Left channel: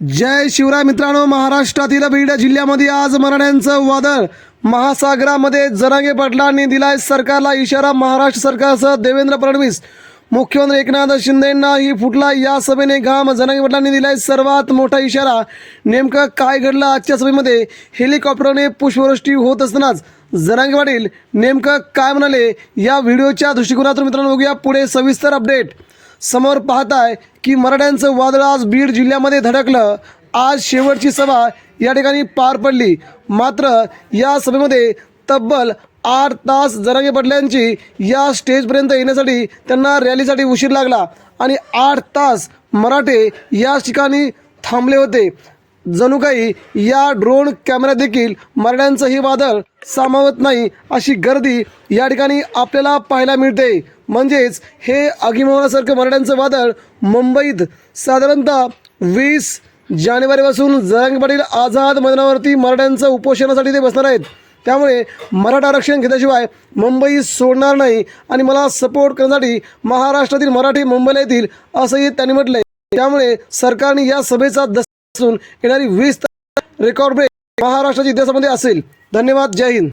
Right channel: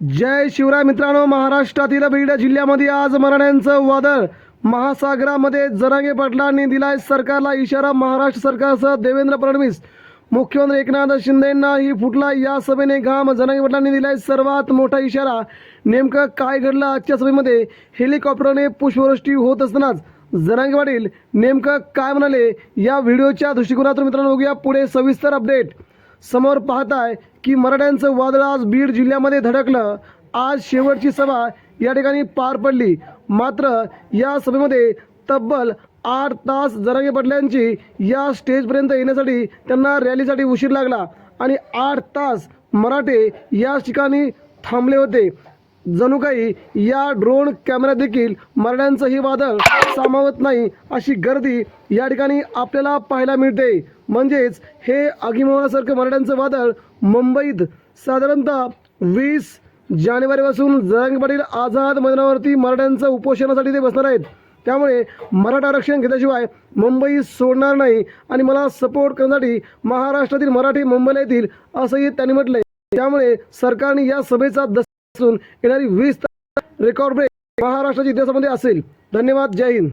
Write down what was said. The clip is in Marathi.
जय शिवराय मित्रांनो महाराष्ट्रातील बीड जिल्ह्यामध्ये आज मराठ्यांचं वादळ. महासागरामध्ये जरांगे पाटलांनी दिलाय सरकारला इशारा. महाराष्ट्र सरकारसह देवेंद्र फडणवीस मुख्यमंत्री एकनाथ शिंदेंनाही फुटला. या सभेने घाम. जरांगे पाटलांनी दिलाय सर्वात मोठा इशारा. नेमकं काय घडलं आजच्या सभेमध्ये? हेलिकॉप्टरने पुष्पवृष्टी होत असतानाच जरांगे पाटील नेमकं काय म्हणाले? या व्हिडिओच्या दृष्टिकोनातून मित्रांनो बघूया. पुढे सविस्तर अपडेट. समोर पाहताय की मराठ्यांचं वादळ आज बीड जिल्ह्यामध्ये धडकलं. आज शेवटची सभा या ठिकाणी पार पडली. मात्र या सभेमध्ये तब्बल आठ तास जरांगे पडल्यांची या स्टेजपर्यंत येण्यासाठी त्यांना रॅलीसाठी उशीर लागला आणि आठ तास मराठे या ठिकाणी थांबले होते. जणू काही या ड्रोन कॅमेरा देखील मराठ्यांचं हे वादळ सामावत नाही अशी गर्दी या ठिकाणी आपल्याला पाहायला मिळते. म्हणजेच हे आगीमोहनासारखं मराठ्यांचं वादळ मुंबईत साधारणतः वीस जानेवारीपासून जरांग पाटील आझाद मैदानावरती मराठ्यांचं उपोषणासाठी ते बसणार आहेत. त्यामुळे मराठा आरक्षण घेतल्याशिवाय मुंबई सोडणार नाही आणि मला सपोर्ट करण्यासाठी महाराष्ट्रातील मराठी मुंबईला येतील असंही त्यांनी म्हटलंय. त्यामुळे सरकारने या सभेचा दसून येणारी वीस रेकॉर्ड ब्रेक महाराष्ट्राच्या इतिहासामध्ये असेल. धन्यवाद. जय हिंद.